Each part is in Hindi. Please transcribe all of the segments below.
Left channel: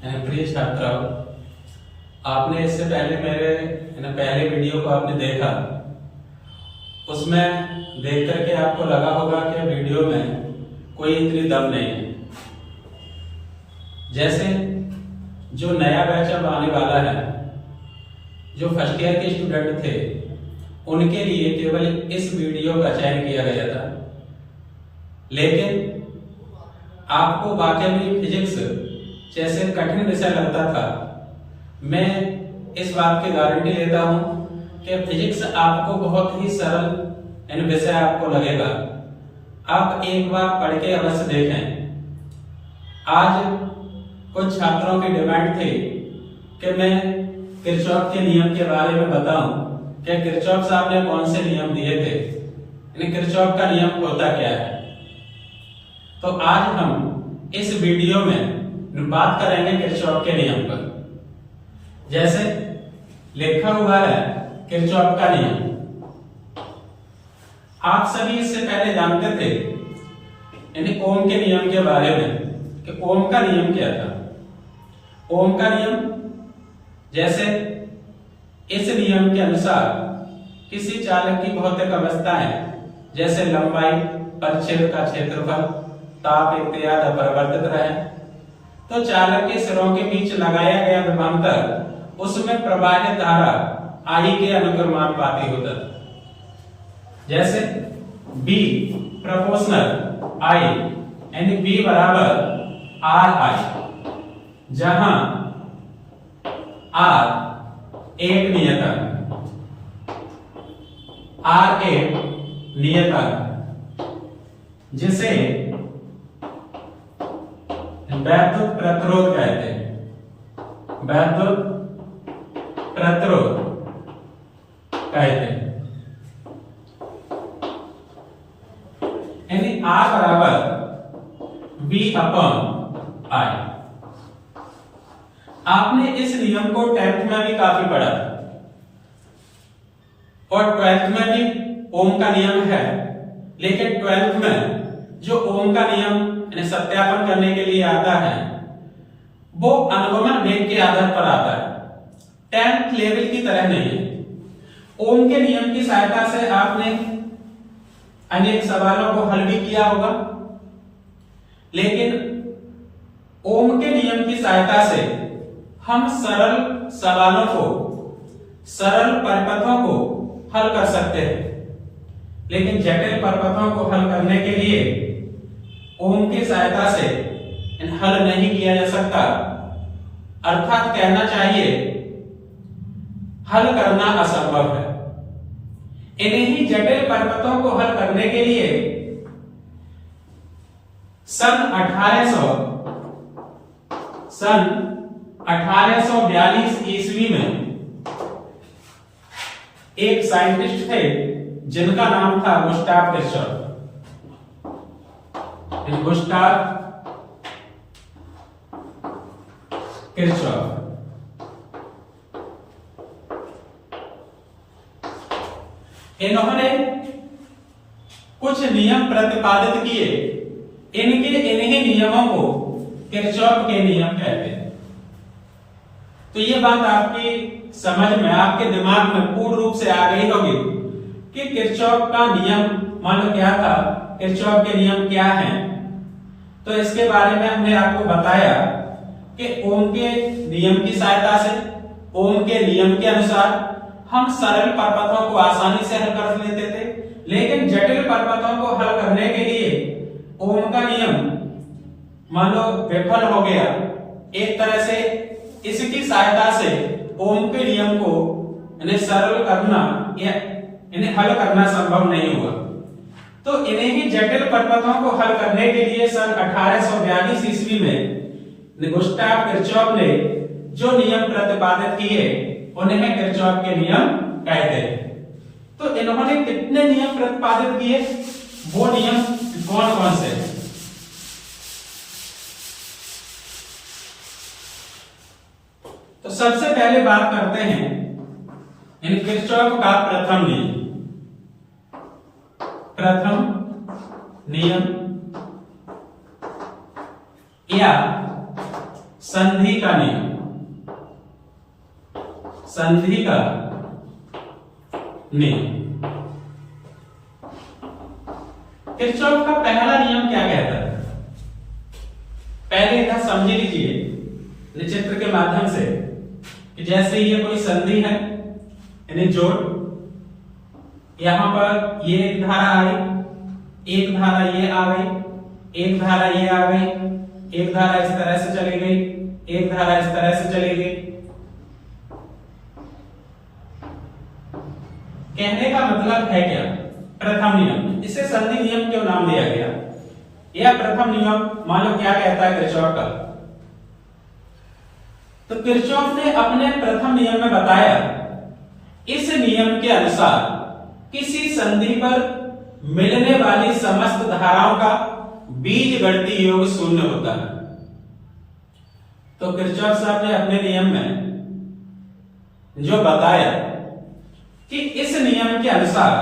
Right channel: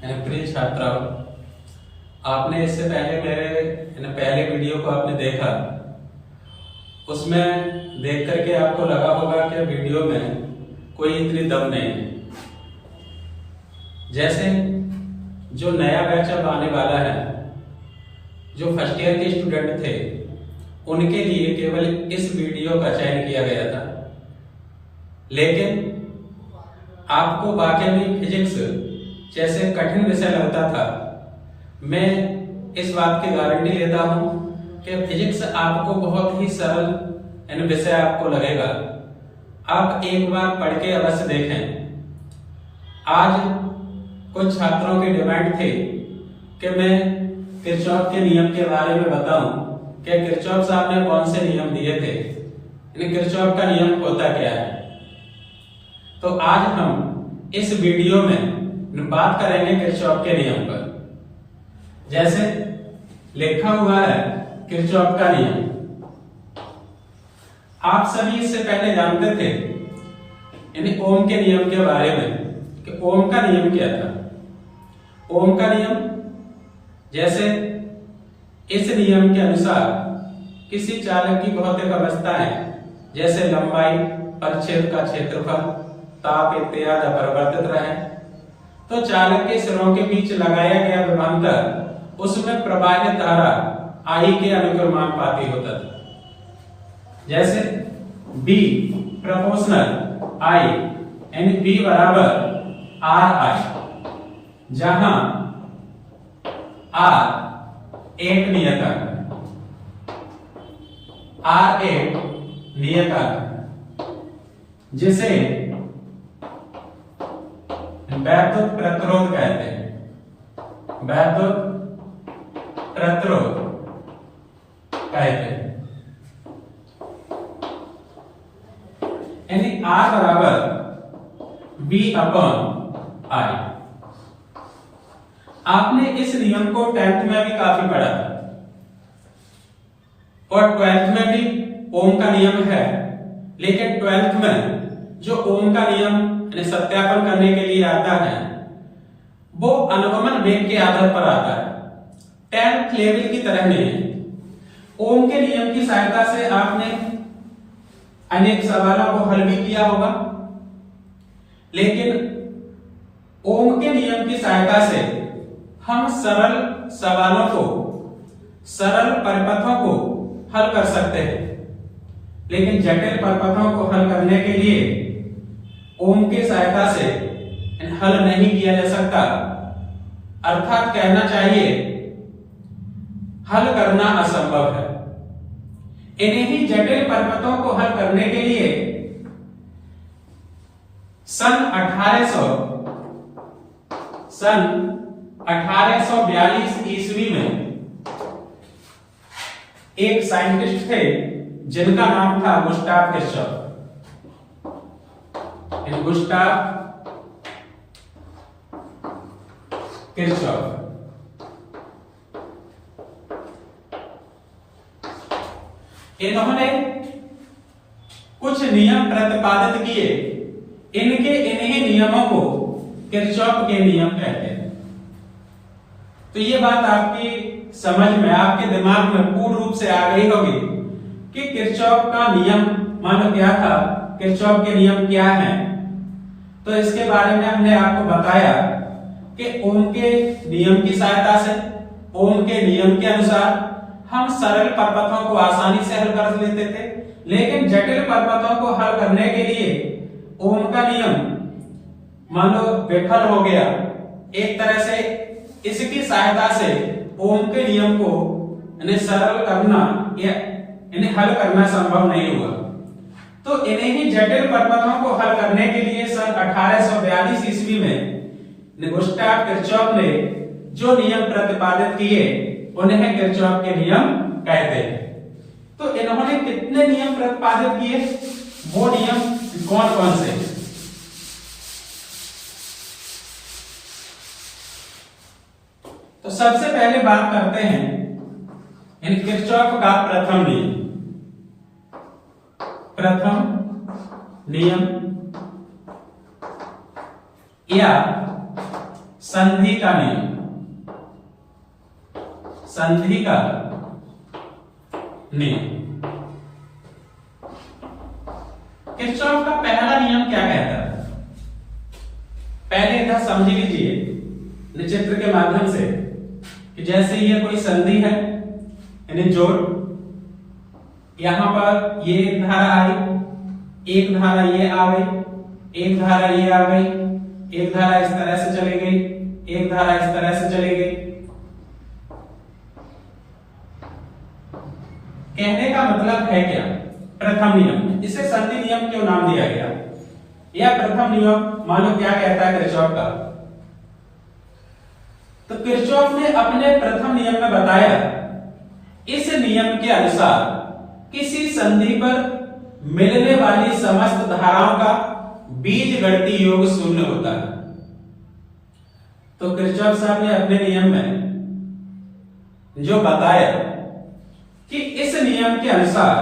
प्रिय छात्राओं, आपने इससे पहले मेरे पहले वीडियो को आपने देखा। उसमें देख करके आपको लगा होगा कि वीडियो में कोई इतनी दम नहीं है। जैसे जो नया बैच अब आने वाला है, जो फर्स्ट ईयर के स्टूडेंट थे, उनके लिए केवल इस वीडियो का चयन किया गया था। लेकिन आपको वाकई में फिजिक्स जैसे कठिन विषय लगता था, मैं इस बात की गारंटी लेता हूं कि फिजिक्स आपको बहुत ही सरल विषय आपको लगेगा। आप एक बार पढ़ के अवश्य देखें। आज कुछ छात्रों की डिमांड थी कि मैं किरचॉफ के नियम के बारे में बताऊं कि किरचॉफ साहब ने कौन से नियम दिए थे, किरचॉफ का नियम होता क्या है। तो आज हम इस वीडियो में बात करेंगे किरचॉफ के नियम पर। जैसे लिखा हुआ है किरचॉफ का नियम। आप सभी इससे पहले जानते थे ओम के नियम के बारे में कि ओम का नियम क्या था। ओम का नियम, जैसे इस नियम के अनुसार किसी चालक की भौतिक अवस्थाएं जैसे लंबाई, परिच्छेद का क्षेत्रफल, ताप इत्यादि अपरिवर्तित रहे तो चालक के सिरों के बीच लगाया गया विभवांतर उसमें प्रवाहित धारा I के अनुक्रमानुपाती होता था। जैसे B प्रोपोर्शनल I यानी B बराबर RI, जहां R एक नियतांक, R एक नियतांक, जिसे वैद्युत प्रतिरोध कहते हैं। वैद्युत प्रतिरोध कहते हैं। यानी R बराबर B अपॉन I। आपने इस नियम को 10th में भी काफी पढ़ा और 12th में भी ओम का नियम है। लेकिन 12th में जो ओम का नियम सत्यापन करने के लिए आता है वो अनुगमन वेग के आधार पर आता है, 10th लेवल की तरह नहीं। ओम के नियम की सहायता से आपने अनेक सवालों को हल भी किया होगा, लेकिन ओम के नियम की सहायता से हम सरल सवालों को, सरल परिपथों को हल कर सकते हैं। लेकिन जटिल परिपथों को हल करने के लिए ओम की सहायता से हल नहीं किया जा सकता। अर्थात कहना चाहिए हल करना असंभव है। इन्हीं जटिल परिपथों को हल करने के लिए सन 1842 ईस्वी में एक साइंटिस्ट थे जिनका नाम था गुस्ताव किरचॉफ। गुस्ताव किरचॉफ इन्होंने कुछ नियम प्रतिपादित किए। इन्हीं नियमों को किरचॉफ के नियम कहते हैं। तो ये बात आपकी समझ में, आपके दिमाग में पूर्ण रूप से आ गई होगी कि किरचॉफ का नियम मानो क्या था, किरचॉफ के नियम क्या हैं। तो इसके बारे में हमने आपको बताया कि ओम के नियम की सहायता से, ओम के नियम के अनुसार हम सरल परिपथों को आसानी से हल कर लेते थे। लेकिन जटिल परिपथों को हल करने के लिए ओम का नियम मान लो विफल हो गया। एक तरह से इसकी सहायता से ओम के नियम को सरल करना या इन्हें हल करना संभव नहीं हुआ। तो इन्हीं जटिल परिपथों को हल करने के लिए सन 1842 ईस्वी में गुस्ताव किरचॉफ ने जो नियम प्रतिपादित किए उन्हें किरचॉफ के नियम कहते हैं। तो इन्होंने कितने नियम प्रतिपादित किए, वो नियम कौन कौन से? तो सबसे पहले बात करते हैं किरचॉफ का प्रथम नियम। प्रथम नियम या संधि का नियम, संधि का नियम। किरचॉफ का पहला नियम क्या कहता है? पहले इधर समझ लीजिए चित्र के माध्यम से कि जैसे ये कोई संधि है यानी जोड़, यहां पर ये एक धारा आई, एक धारा ये आ गई, एक धारा ये आ गई, एक धारा इस तरह से चली गई, एक धारा इस तरह से चली गई। कहने का मतलब है क्या? प्रथम नियम, इसे संधि नियम क्यों नाम दिया गया? यह प्रथम नियम मान लो क्या कहता है किरचॉफ का? तो किरचॉफ ने अपने प्रथम नियम में बताया इस नियम के अनुसार किसी संधि पर मिलने वाली समस्त धाराओं का बीजगणितीय योग शून्य होता है। तो किरचॉफ साहब ने अपने नियम में जो बताया कि इस नियम के अनुसार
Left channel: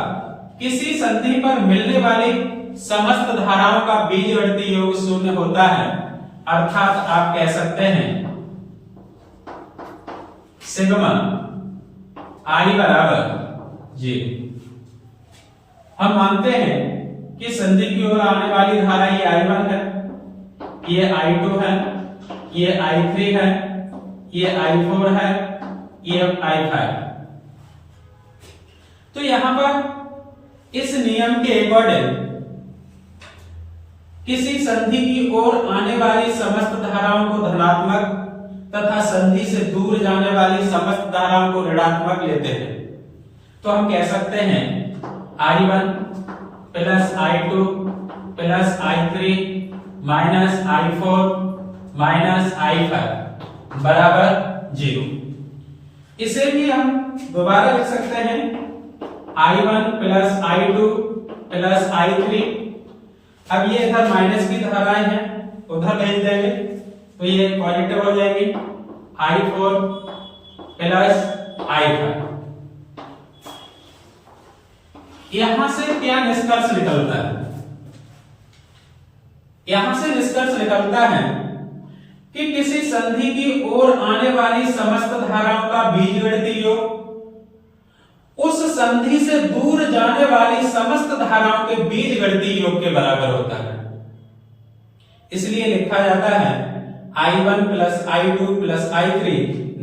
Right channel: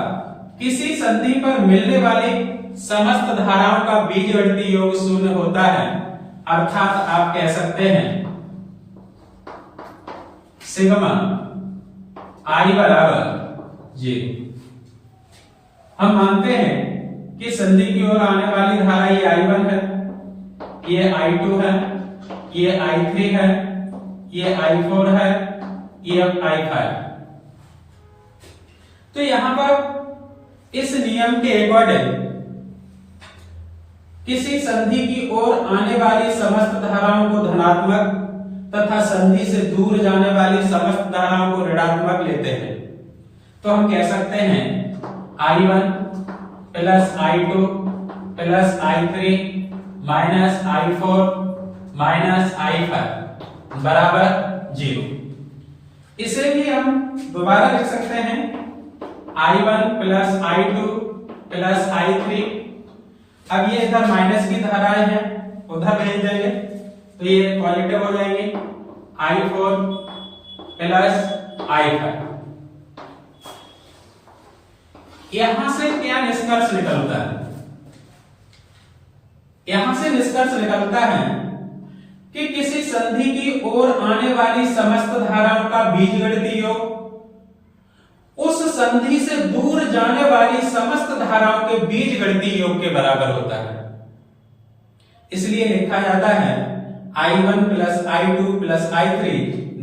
किसी संधि पर मिलने वाली समस्त धाराओं का बीजगणितीय योग शून्य होता है, अर्थात आप कह सकते हैं सिग्मा आई बराबर 0। हम मानते हैं कि संधि की ओर आने वाली धारा ये I1 है, ये I2 है, ये I3 है, ये I4 है, ये I5 है। तो यहां पर इस नियम के अकॉर्डिंग किसी संधि की ओर आने वाली समस्त धाराओं को धनात्मक तथा संधि से दूर जाने वाली समस्त धाराओं को ऋणात्मक लेते हैं। तो हम कह सकते हैं I1 plus I2 plus I3 minus I4 minus I5 बराबर 0। इसे भी हम दोबारा लिख सकते हैं I1 plus I2 plus I3। अब ये इधर माइनस की धाराएं हैं, उधर भेज देंगे तो ये पॉजिटिव हो जाएंगे, I4 प्लस I5। यहां से क्या निष्कर्ष निकलता है? यहां से निष्कर्ष निकलता है कि किसी संधि की ओर आने वाली समस्त धाराओं का बीजगणितीय योग उस संधि से दूर जाने वाली समस्त धाराओं के बीजगणितीय योग के बराबर होता है। इसलिए लिखा जाता है I1 plus I2 plus I3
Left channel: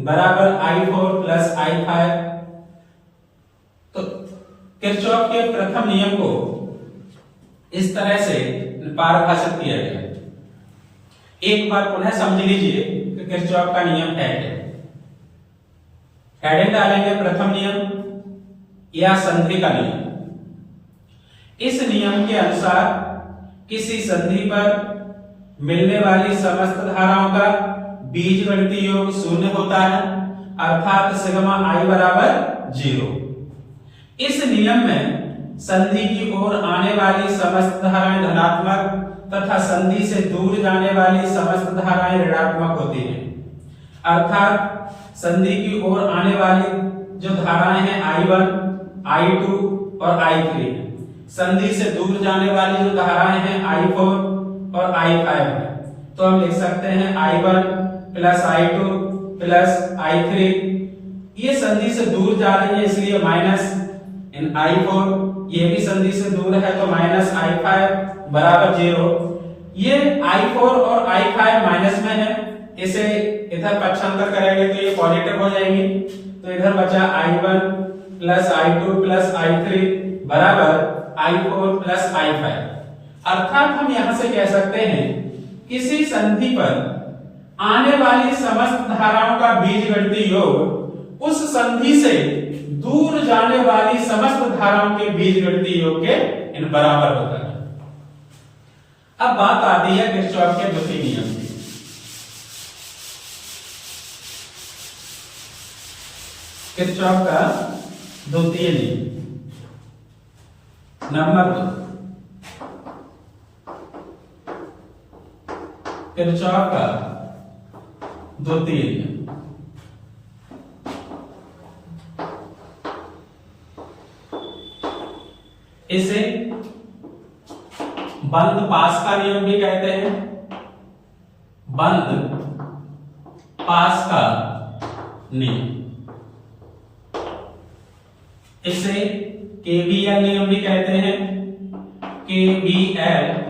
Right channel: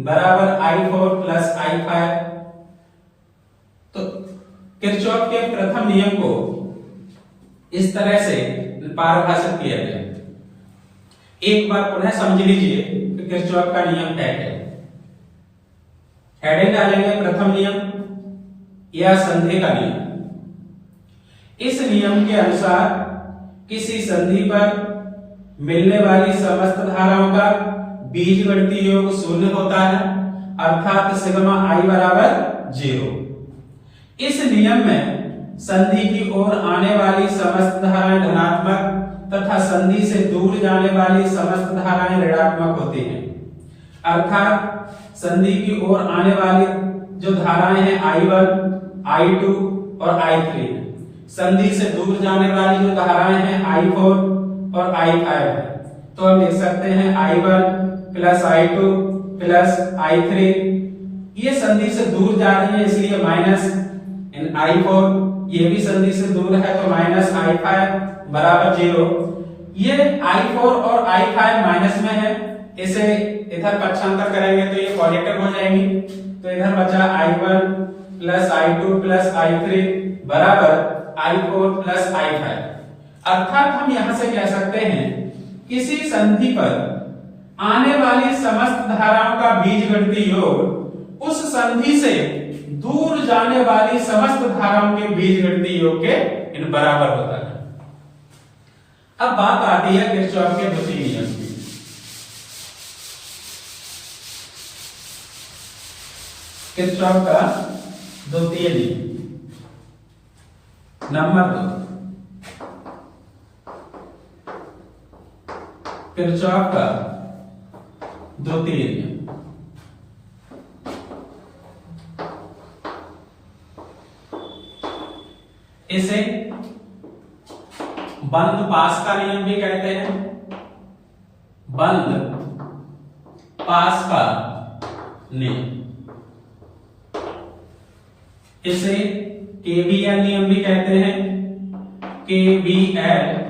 बराबर I4 प्लस I5। तो किरचॉफ के प्रथम नियम को इस तरह से परिभाषित किया जाए। एक बार पुनः समझ लीजिए कि किरचॉफ का नियम है क्या। हेडिंग डालेंगे प्रथम नियम या संधि का नियम। इस नियम के अनुसार किसी संधि पर मिलने वाली समस्त धाराओं का बीजगणितीय योग शून्य होता है, अर्थात सिग्मा I बराबर 0। इस नियम में संधि की ओर आने वाली समस्त धाराएं धनात्मक तथा संधि से दूर जाने वाली समस्त धाराएं ऋणात्मक होती हैं, अर्थात संधि की ओर आने वाली जो धाराएं हैं I1, I2 और I3 है। संधि से दूर जाने वाली जो धाराएं हैं I4 और I5 है। तो हम लिख सकते हैं I1 plus I2 plus I3। ये संधि से दूर जा रही है इसलिए माइनस I4, ये भी संधि से दूर है तो माइनस I5 बराबर 0। ये I4 और I5 माइनस में है, इसे इधर पक्षांतर करेंगे तो ये पॉजिटिव हो जाएंगी। तो इधर बचा I1 plus I2 plus I3 बराबर I4 प्लस I5। अर्थात हम यहां से कह सकते हैं किसी संधि पर आने वाली समस्त धाराओं का बीजगणितीय योग उस संधि से दूर जाने वाली समस्त धाराओं के बीजगणितीय योग के इन बराबर होता है। अब बात आती है किरचॉफ के द्वितीय नियम की। किरचॉफ का द्वितीय नियम नंबर 2, किरचॉफ का द्वितीय नियम। इसे बंद पास का नियम भी कहते हैं। बंद पास का नियम, इसे केवीएल नियम भी कहते हैं, केवीएल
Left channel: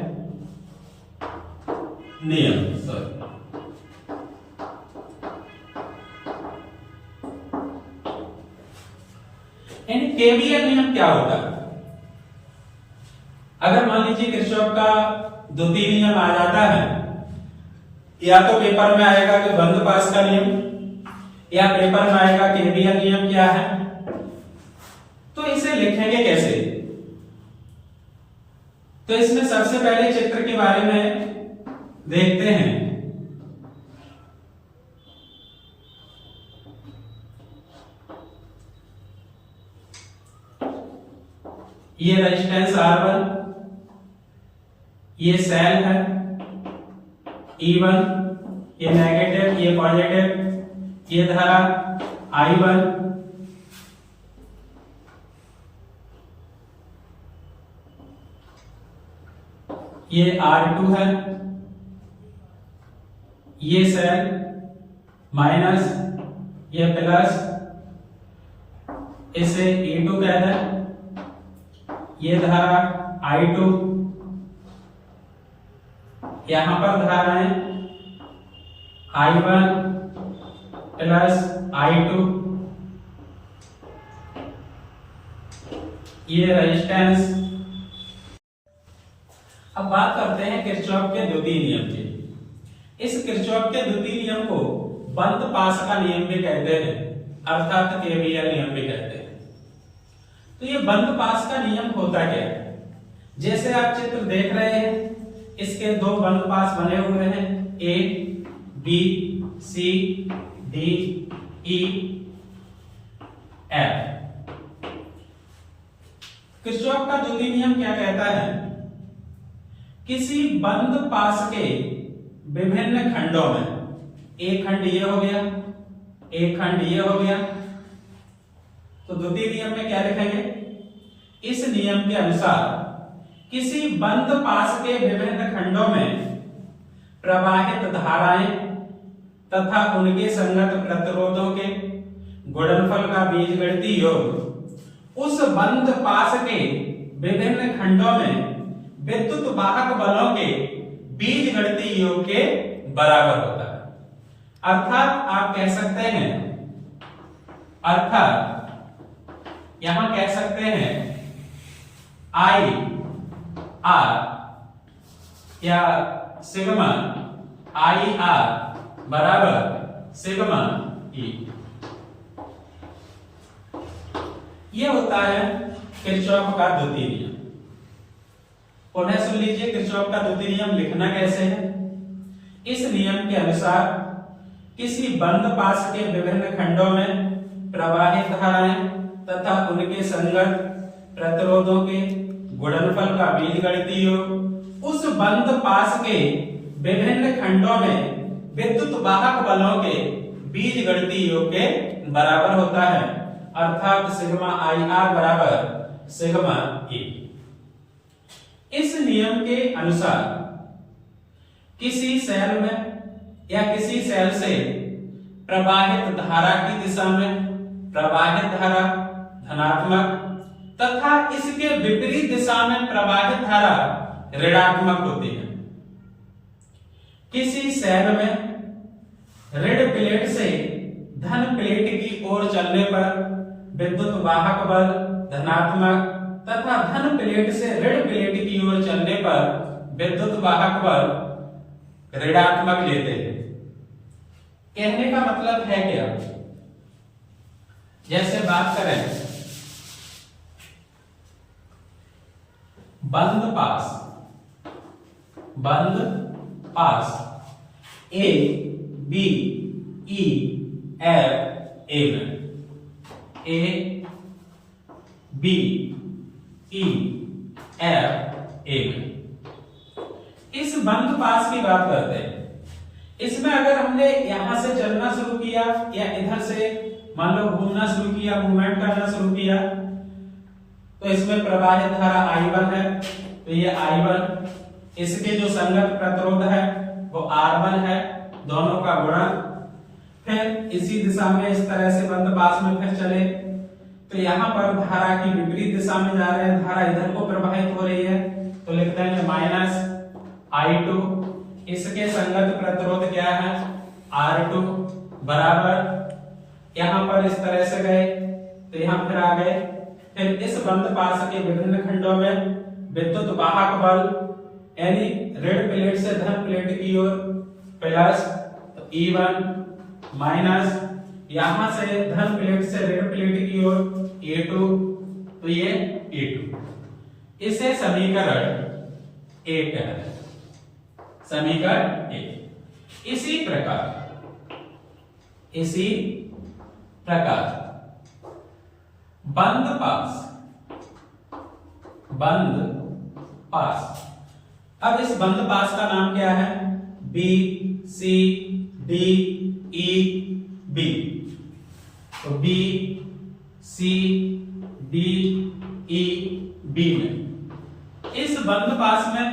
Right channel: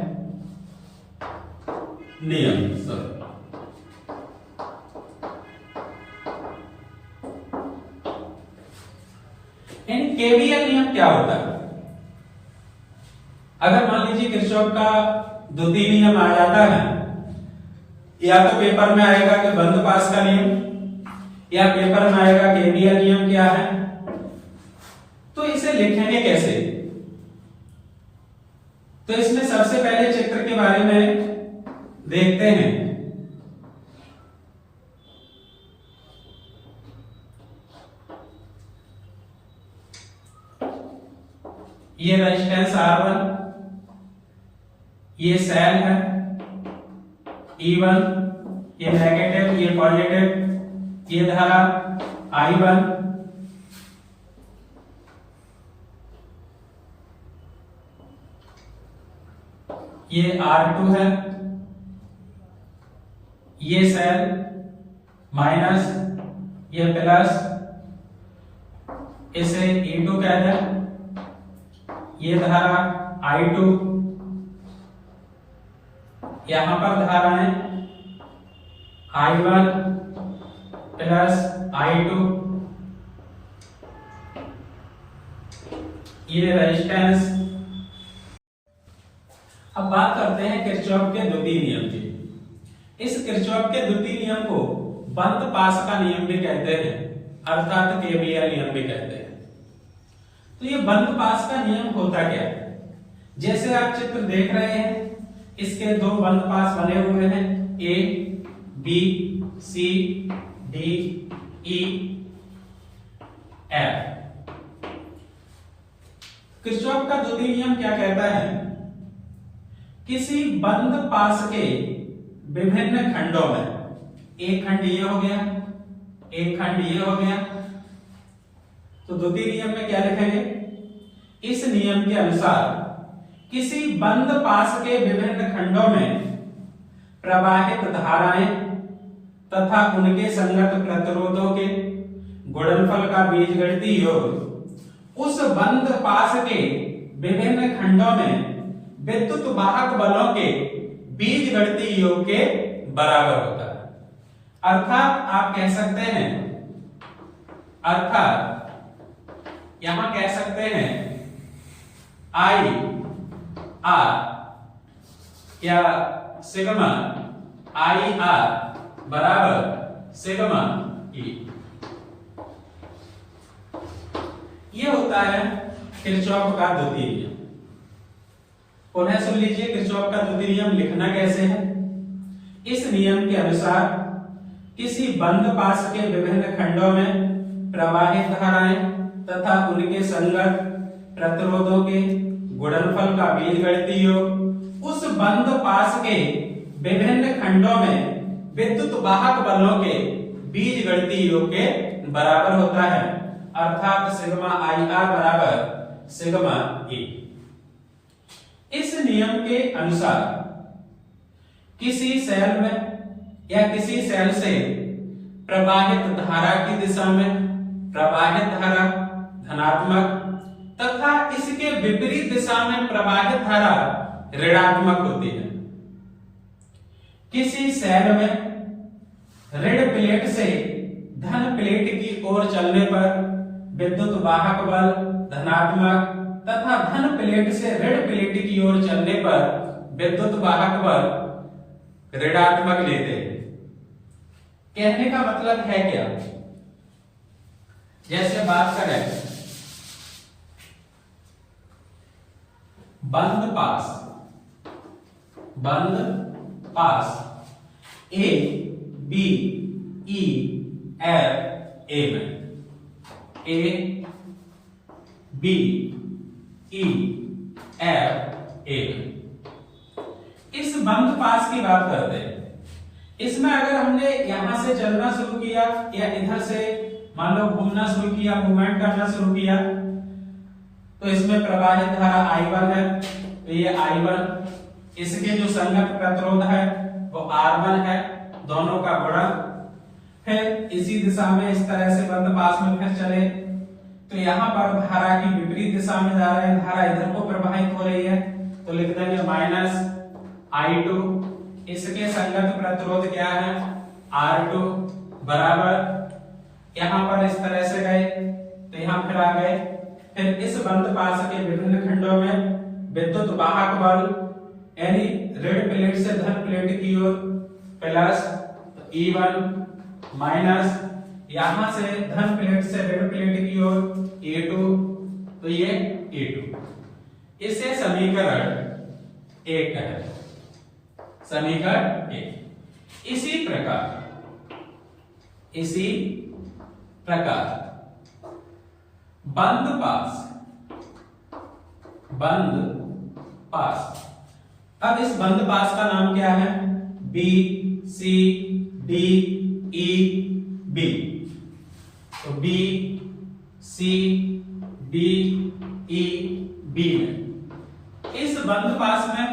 नियम। केवीएल नियम क्या होता है? अगर मान लीजिए किरचॉफ का द्वितीय नियम आ जाता है, या तो पेपर में आएगा कि बंद पास का नियम, या पेपर में आएगा केवीएल नियम क्या है, तो इसे लिखेंगे कैसे? तो इसमें सबसे पहले चित्र के बारे में देखते हैं। ये रेजिस्टेंस R1, ये सेल है E1, ये नेगेटिव, ये पॉजिटिव, ये धारा I1, ये R2 है, ये सेल माइनस, ये प्लस, इसे E2 कहते हैं, ये धारा I2, यहां पर धाराएं I1 प्लस I2, ये रेजिस्टेंस। अब बात करते हैं किरचॉफ के द्वितीय नियम की। इस किरचॉफ के द्वितीय नियम को बंद पास का नियम भी कहते हैं, अर्थात केवीएल नियम भी कहते हैं। तो ये बंद पास का नियम होता क्या है? जैसे आप चित्र देख रहे हैं, इसके दो बंद पास बने हुए हैं, ए, बी, सी, डी, ई, एफ। किरचॉफ का द्वितीय नियम क्या कहता है? किसी बंद पास के विभिन्न खंडों में, एक खंड ये हो गया, एक खंड ये हो गया, तो द्वितीय नियम में क्या लिखेंगे? इस नियम के अनुसार किसी बंद पास के विभिन्न खंडों में प्रवाहित धाराएं तथा उनके संगत प्रतिरोधों के गुणनफल का बीजगणितीय योग उस बंद पास के विभिन्न खंडों में विद्युत वाहक बलों के बीजगणितीय योग के बराबर होता है। अर्थात आप कह सकते हैं, अर्थात यहां कह सकते हैं आई आर या सिग्मा आई आर बराबर सिग्मा ई। ये होता है किरचॉफ का द्वितीय नियम। पुनः सुन लीजिए, किरचॉफ का द्वितीय नियम लिखना कैसे है? इस नियम के अनुसार किसी बंद पास के विभिन्न खंडों में प्रवाहित धाराएं तथा उनके संगत प्रतिरोधों के गुणनफल का बीजगणितीय योग उस बंद पास के विभिन्न खंडों में विद्युत वाहक बलों के बीजगणितीय योग के बराबर होता है, अर्थात सिग्मा आई आर बराबर सिग्मा ई। इस नियम के अनुसार किसी सेल में या किसी सेल से प्रवाहित धारा की दिशा में प्रवाहित धारा धनात्मक तथा इसके विपरीत दिशा में प्रवाहित धारा ऋणात्मक होती है। किसी सेल में ऋण प्लेट से धन प्लेट की ओर चलने पर विद्युत वाहक बल धनात्मक तथा धन प्लेट से ऋण प्लेट की ओर चलने पर विद्युत वाहक बल ऋणात्मक लेते हैं। कहने का मतलब है क्या? जैसे बात करें बंद पास A B E F A में, A B E F A में। इस बंद पास की बात करते हैं। इसमें अगर हमने यहां से चलना शुरू किया या इधर से मान लो घूमना शुरू किया, मूवमेंट करना शुरू किया, तो इसमें प्रवाहित धारा I1 है, तो ये I1, इसके जो संगत प्रतिरोध है वो R1 है, दोनों का गुणा, फिर इसी दिशा में इस तरह से बंद पास में फिर चले तो यहाँ पर धारा की विपरीत दिशा में जा रहे हैं, धारा इधर को प्रवाहित हो रही है तो लिख देंगे माइनस I2। इसके संगत प्रतिरोध क्या है R2 बराबर, यहाँ पर इस तरह से गए तो यहाँ फिर आ गए। फिर इस बंद पास के विभिन्न खंडों में विद्युत वाहक बल यानी ऋण प्लेट से धन प्लेट की ओर प्लस तो E1 माइनस यहां से धन प्लेट से ऋण प्लेट की ओर E2 तो ये E2। इसे समीकरण 1 है, समीकरण 1। इसी प्रकार बंद पास, अब इस बंद पास का नाम क्या है B C D E B, तो B C D E B में इस बंद पास में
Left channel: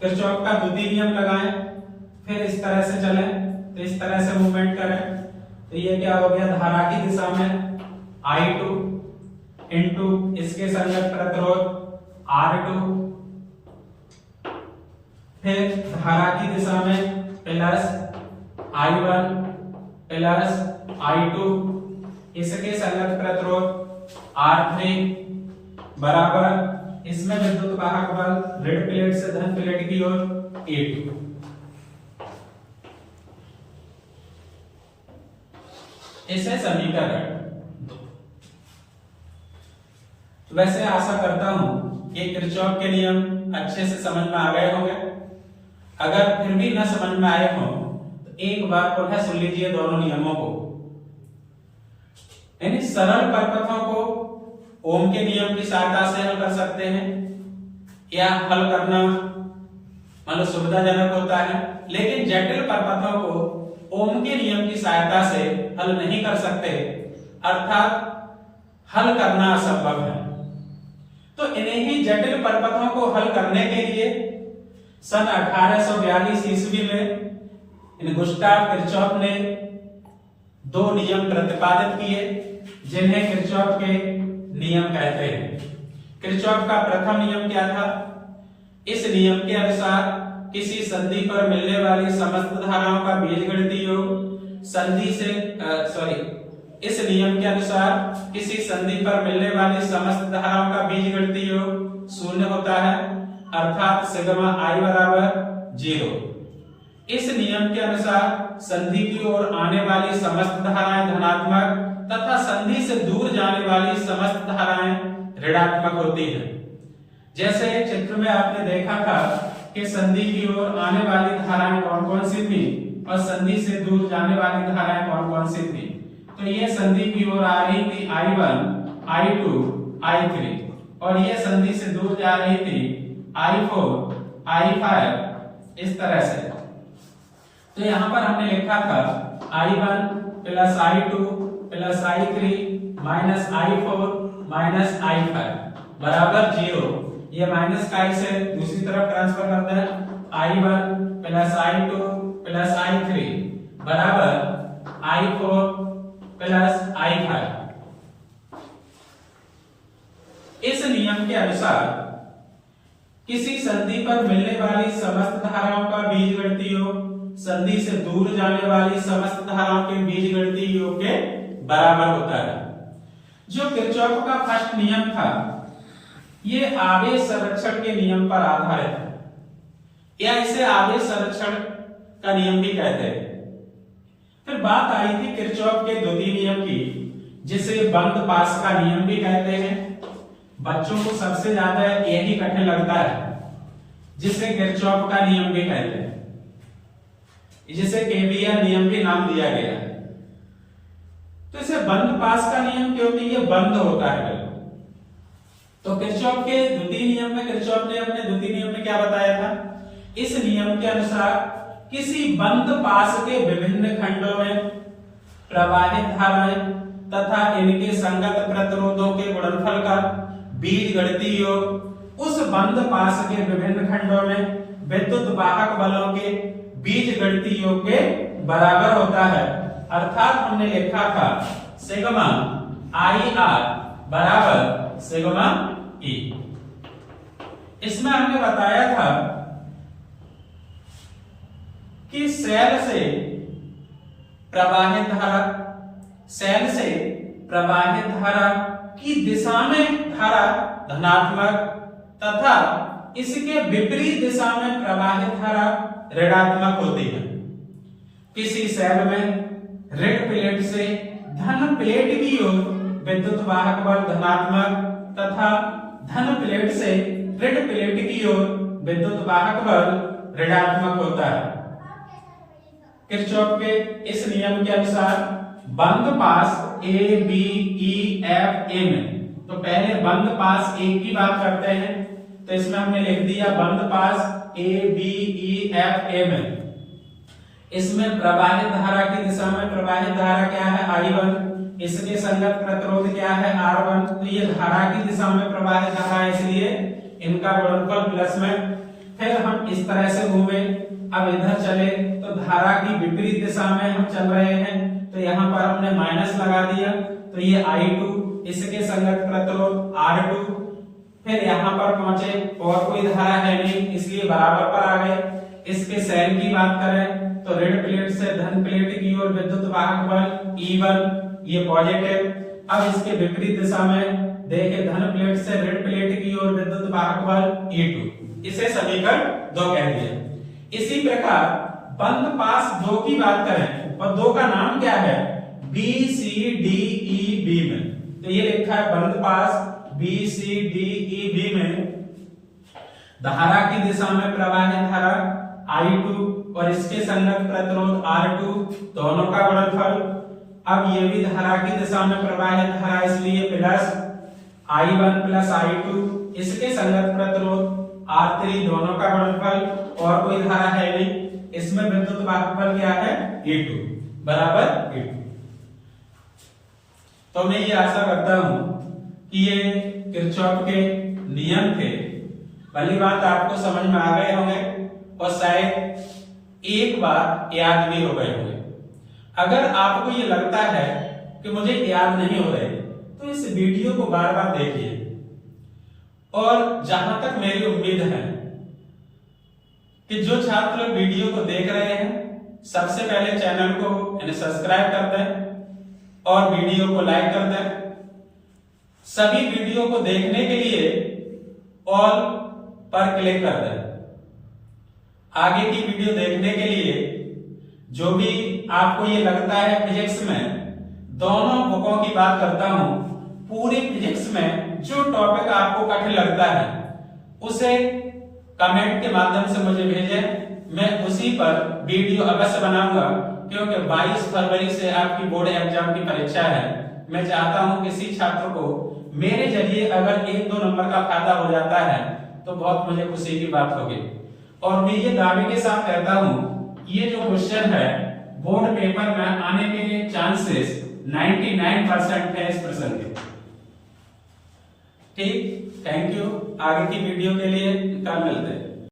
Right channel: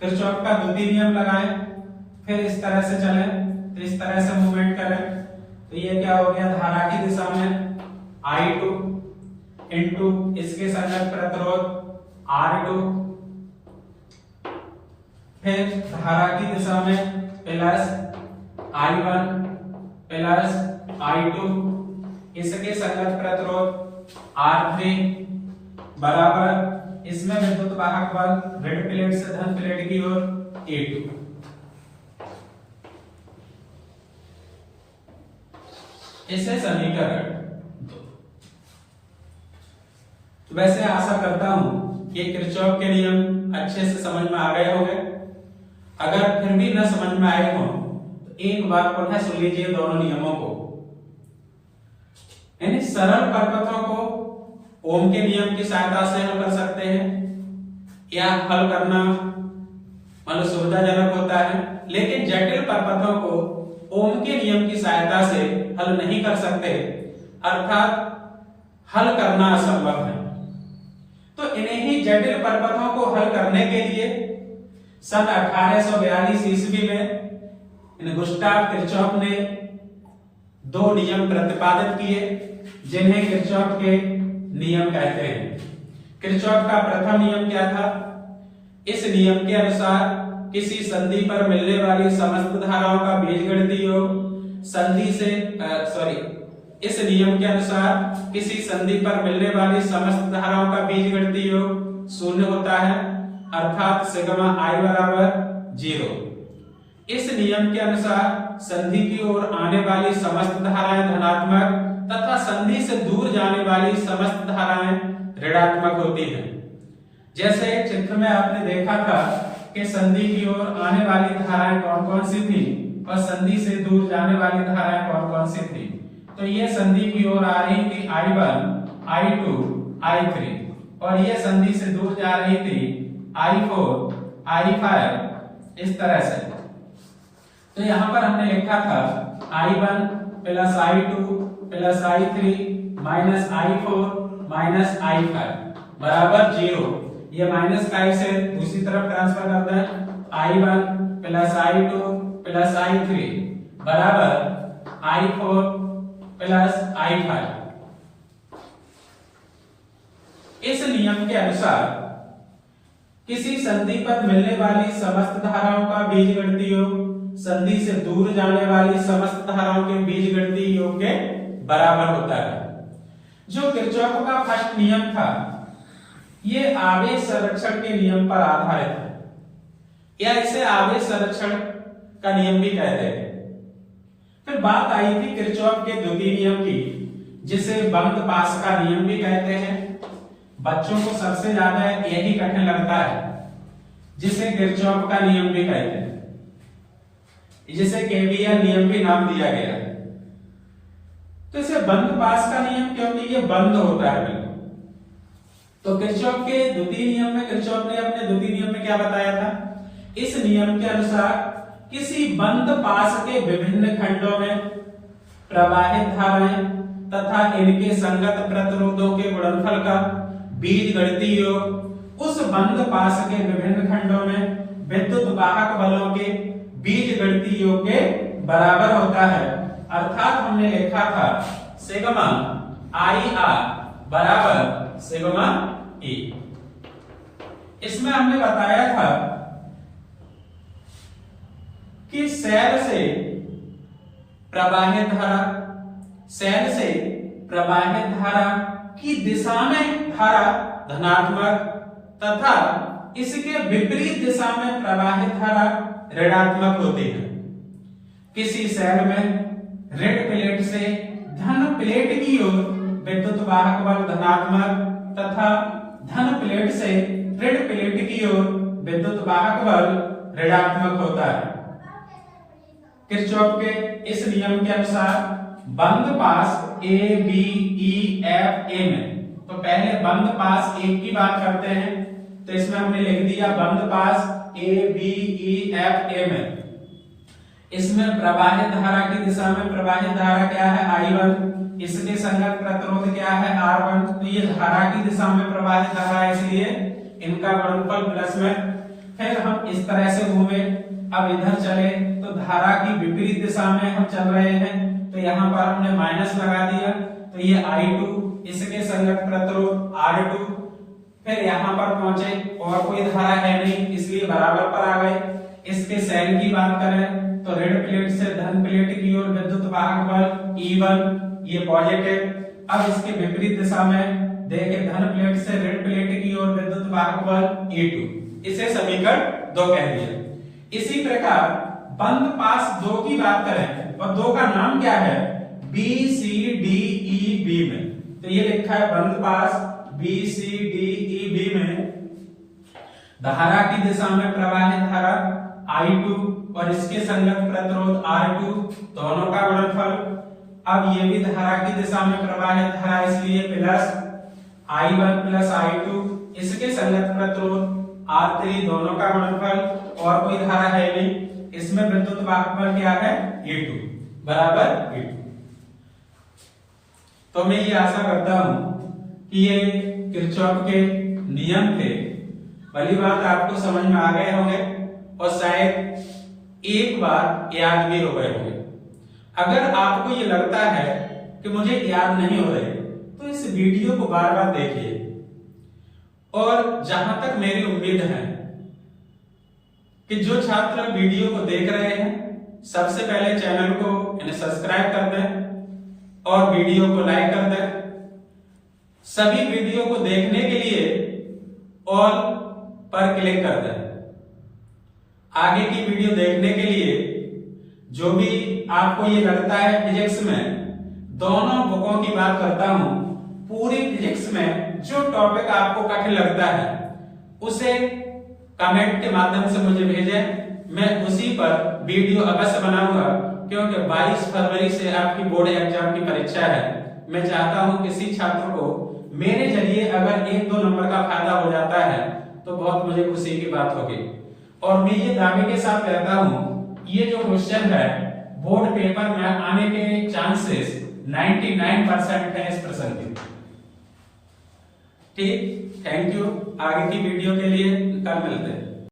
किरचॉफ का द्वितीय नियम लगाएं, फिर इस तरह से चलें तो इस तरह से मूवमेंट करें तो ये क्या हो गया, धारा की दिशा में I2 इनटू इसके संगत प्रतिरोध R2, फिर धारा की दिशा में प्लस I1 प्लस I2 इसके संगत प्रतिरोध R3 बराबर, इसमें विद्युत वाहक बल ऋण प्लेट से धन प्लेट की ओर E2। इसे समीकरण 2। तो वैसे आशा करता हूं कि किरचॉफ के नियम अच्छे से समझ में आ गए होंगे। अगर फिर भी न समझ में आए हो तो एक बार पुनः सुन लीजिए दोनों नियमों को। यानी सरल परपथों को ओम के नियम की सहायता से हल कर सकते हैं या हल करना मतलब सुविधाजनक होता है, लेकिन जटिल परपथों को ओम के नियम की सहायता से हल नहीं कर सकते, अर्थात हल करना असंभव है। तो इन्हीं ही जटिल परपथों को हल करने के लिए सन 1842 ईस्वी में गुस्ताव किरचॉफ ने 2 नियम प्रतिपादित किए जिन्हें किरचॉफ के नियम कहते हैं। किरचॉफ का प्रथम नियम क्या था? इस नियम के अनुसार किसी संधि पर मिलने वाली समस्त धाराओं का बीजगणितीय योग संधि से इस नियम के अनुसार किसी संधि पर मिलने वाली समस्त धाराओं का बीजगणितीय योग शून्य होता है, अर्थात सिग्मा I बराबर 0। इस नियम के अनुसार संधि की ओर आने वाली समस्त धाराएं धनात्मक तथा संधि से दूर जाने वाली समस्त धाराएं ऋणात्मक होती हैं। जैसे चित्र में आपने देखा था कि संधि की ओर आने वाली धाराएं कौन-कौन सी थी और संधि से दूर जाने वाली धाराएं कौन-कौन सी थी। तो ये संधि की ओर आ रही थी I1, I2, I3 और ये संधि से दूर जा रही थी I4, I5 इस तरह से। तो यहां पर हमने लिखा था I1 plus I2 plus I3 minus I4 minus I5 बराबर 0। ये माइनस का इसे दूसरी तरफ ट्रांसफर करता है I1 plus I2 plus I3 बराबर I4 प्लस I5। इस नियम के अनुसार किसी संधि पर मिलने वाली समस्त धाराओं का बीजगणितीय योग संधि से दूर जाने वाली समस्त धाराओं के बीजगणितीय योग के बराबर होता है। जो किरचॉफ का फर्स्ट नियम था ये आवेश संरक्षण के नियम पर आधारित है, या इसे आवेश संरक्षण का नियम भी कहते हैं। फिर बात आई थी किरचॉफ के द्वितीय नियम की, जिसे बंद पास का नियम भी कहते हैं। बच्चों को सबसे ज्यादा यही कठिन लगता है, जिसे किरचॉफ का नियम भी कहते हैं, जिसे केवीएल नियम भी नाम दिया गया है। तो इसे बंद पास का नियम क्योंकि ये बंद होता है। तो किरचॉफ के द्वितीय नियम में किरचॉफ ने अपने द्वितीय नियम में क्या बताया था? इस नियम के अनुसार किसी बंद पास के विभिन्न खंडों में प्रवाहित धाराएं तथा इनके संगत प्रतिरोधों के गुणनफल का बीजगणितीय योग उस बंद पास के विभिन्न खंडों में विद्युत वाहक बलों के बीजगणितीय योग के बराबर होता है, अर्थात हमने लिखा था सिग्मा आई आर बराबर सिग्मा ई। इसमें हमने बताया था कि सेल से प्रवाहित धारा की दिशा में धारा धनात्मक तथा इसके विपरीत दिशा में प्रवाहित धारा ऋणात्मक होती है। किसी सेल में ऋण प्लेट से धन प्लेट की ओर विद्युत वाहक बल धनात्मक तथा धन प्लेट से ऋण प्लेट की ओर विद्युत वाहक बल ऋणात्मक होता है। किरचॉफ के इस नियम के अनुसार बंद पास A B E F A में, तो पहले बंद पास एक की बात करते हैं, तो इसमें हमने लिख दिया बंद पास A B E F A में। इसमें प्रवाहित धारा की दिशा में प्रवाहित धारा क्या है I1, इसके संगत प्रतिरोध क्या है R1, तो ये धारा की दिशा में प्रवाहित धारा है, इसलिए इनका गुणनफल प्लस में। फिर हम इस तरह से घूमे, अब इधर चले तो धारा की विपरीत दिशा में हम चल रहे हैं, तो यहाँ पर हमने माइनस लगा दिया, तो ये I2, इसके संगत प्रतिरोध R2। फिर यहाँ पर पहुंचे और कोई धारा है नहीं, इसलिए बराबर पर आ गए। इसके सेल की बात करें तो ऋण प्लेट से धन प्लेट की ओर विद्युत वाहक बल E1, ये पॉजिटिव। अब इसके विपरीत दिशा में देखें, धन प्लेट से ऋण प्लेट की ओर विद्युत वाहक बल E2, इसे समीकरण 2 कह दिया। इसी प्रकार बंद पास 2 की बात करें, और 2 का नाम क्या है B C D E B में, तो ये लिखा है बंद पास B C D E B में धारा की दिशा में प्रवाहित धारा I2 और इसके संगत प्रतिरोध R2, दोनों का गुणनफल। अब ये भी धारा की दिशा में प्रवाहित धारा, इसलिए प्लस I1 प्लस I2, इसके संगत प्रतिरोध R3, दोनों का गुणनफल। और कोई धारा है नहीं, इसमें विद्युत वाहक बल क्या है E2 बराबर E2। तो मैं ये आशा करता हूं कि ये किरचॉफ के नियम थे, पहली बात आपको समझ में आ गए होंगे और शायद एक बार याद भी हो गए होंगे। अगर आपको ये लगता है कि मुझे याद नहीं हो रहे, तो इस वीडियो को बार बार देखिए, और जहां तक मेरी उम्मीद है कि जो छात्र वीडियो को देख रहे हैं, सबसे पहले चैनल को सब्सक्राइब कर दें और वीडियो को लाइक कर दें। सभी वीडियो को देखने के लिए ऑल पर क्लिक कर दें। आगे की वीडियो देखने के लिए जो भी आपको ये लगता है फिजिक्स में, दोनों बुकों की बात करता हूं, पूरी फिजिक्स में जो टॉपिक आपको कठिन लगता है उसे कमेंट के माध्यम से मुझे भेजें, मैं उसी पर वीडियो अवश्य बनाऊंगा, क्योंकि 22 फरवरी से आपकी बोर्ड एग्जाम की परीक्षा है। मैं चाहता हूं किसी छात्र को मेरे जरिए अगर 1-2 नंबर का फायदा हो जाता है तो बहुत मुझे खुशी की बात होगी। और मैं ये दावे के साथ कहता हूं, ये जो क्वेश्चन है बोर्ड पेपर में आने के चांसेस 99% है इस प्रश्न के। ठीक, थैंक यू। आगे की वीडियो के लिए कल मिलते हैं।